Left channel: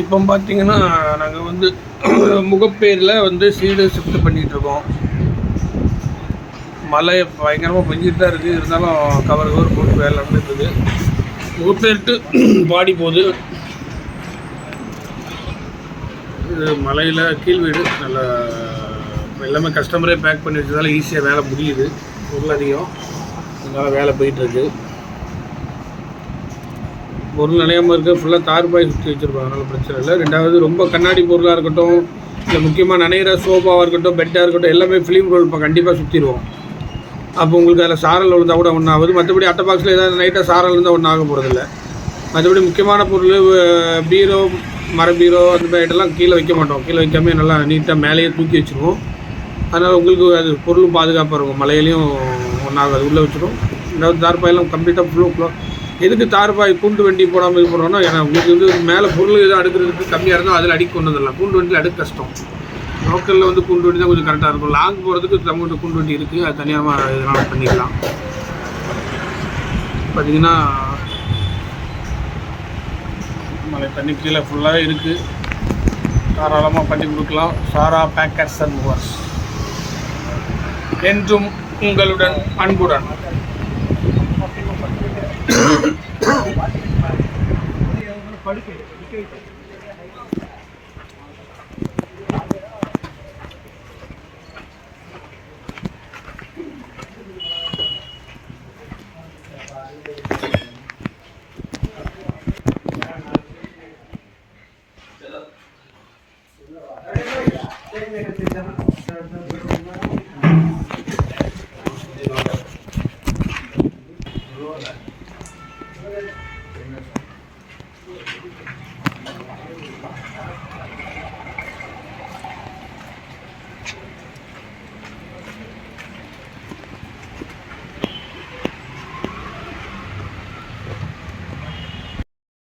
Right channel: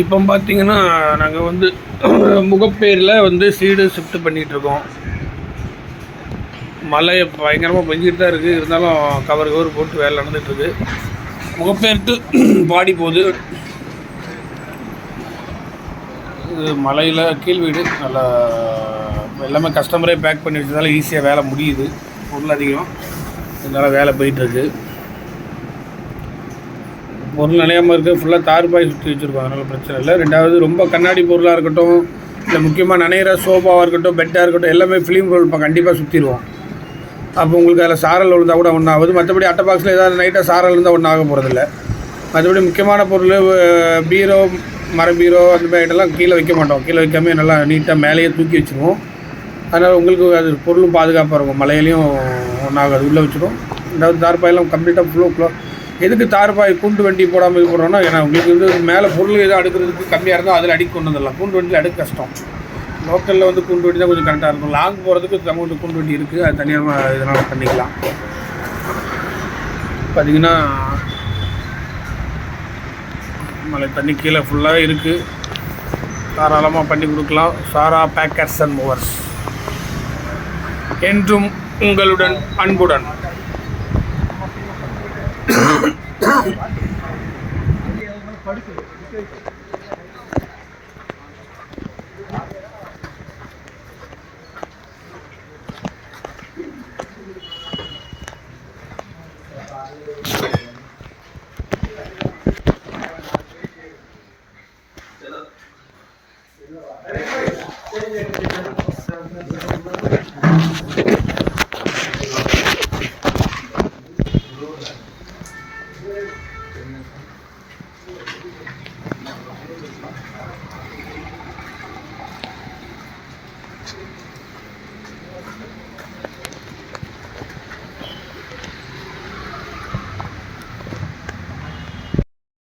இப்போ பார்த்தீங்கன்னா நாங்கள் வந்து முகப்பேரில் வந்து சீடு ஷிஃப்ட் பண்ணிகிட்ருக்கோம். மழை பயங்கரமாக பெஞ்சிட்டு தான் இருக்குது. இருந்தாலும் கவர் போட்டு வேலை நடந்துகிட்ருக்கு. முகப்பேர் டு பாடி போகுது. இது மலையில் கீழ் வீடு. நல்லா எல்லாமே கஸ்டமரே பேக் பண்ணி வச்சதால ஈஸியாக வேலை முடியுது. பொருள் அதிகம், இதனால் வேலை போயிட்டுருக்கு. பொருள் நினையாமல் இருக்குது. ஃபுல்லாக தார்பாய் சுற்றி வச்சுருக்கோம், அதனால் பிரச்சனை இல்லை. ரெண்டாவது ரொம்ப கண்ணாடி பொருளாக இருக்கட்டும், இல்லை முக்கியமாக நனைகிற சோஃபாவாக இருக்கட்டும், பெட்டாக இருக்கட்டும், எல்லாமே ஃபிலிம் ரோல் கண்டிப்பாக சுற்றிடுவோம். அப்போ உங்களுக்கு அதில் சாரல் விழுந்தால் கூட ஒன்றும் ஆகுது. மற்றபடி அட்டை பாக்ஸில் ஏதாவது நைட்டாக சாரல் இருந்தால் ஒன்றும் ஆக போகிறதில்ல. மற்றபடி முக்கியமான பொருள் பீரோ, மர பீரோ அந்த மாதிரி ஐட்டெல்லாம் கீழே வைக்க மாட்டோம். கீழே வைக்காமல் நல்லா நீட்டாக மேலேயே தூக்கி வச்சுருவோம். அதனால் உங்களுக்கு அது பொருளும் பாதுகாப்பாக இருக்கும். மழையிலையும் ஒன்றாகாது, உள்ளே வச்சுருவோம். ரெண்டாவது தார்பாயெல்லாம் கம்ப்ளீட்டாக ஃபுல்லோ எதுக்கு தார்பாய் கூண்டு வண்டி போடாமல் இது பண்ணுறோன்னா, ஏன்னா உங்களுக்கு வந்து மேலே பொருள் எதுவும் அடுக்கிறதுக்கு கம்மியாக இருந்தால் அதில் அடிக்க கொண்டு வந்துடலாம். கூண்டு வண்டியில் அடுக்க கஷ்டம். லோக்கலில் வந்து கூண்டு வண்டி தான் கொஞ்சம் கரெக்டாக இருக்கும். லாங் போகிறதுக்கு நம்மகிட்ட கூண்டு வண்டி இருக்குது, அது தனியாக இதனால் பண்ணிக்கலாம். பார்த்திங்கன்னா மழை தண்ணி கீழே ஃபுல்லாகவே இருக்குது. தாராளமாக பண்ணி கொடுக்கலாம். சாரா பேக்கர்ஸ் அண்ட் மூவர்ஸ் என்றும் உங்களுடன் அன்புடன்.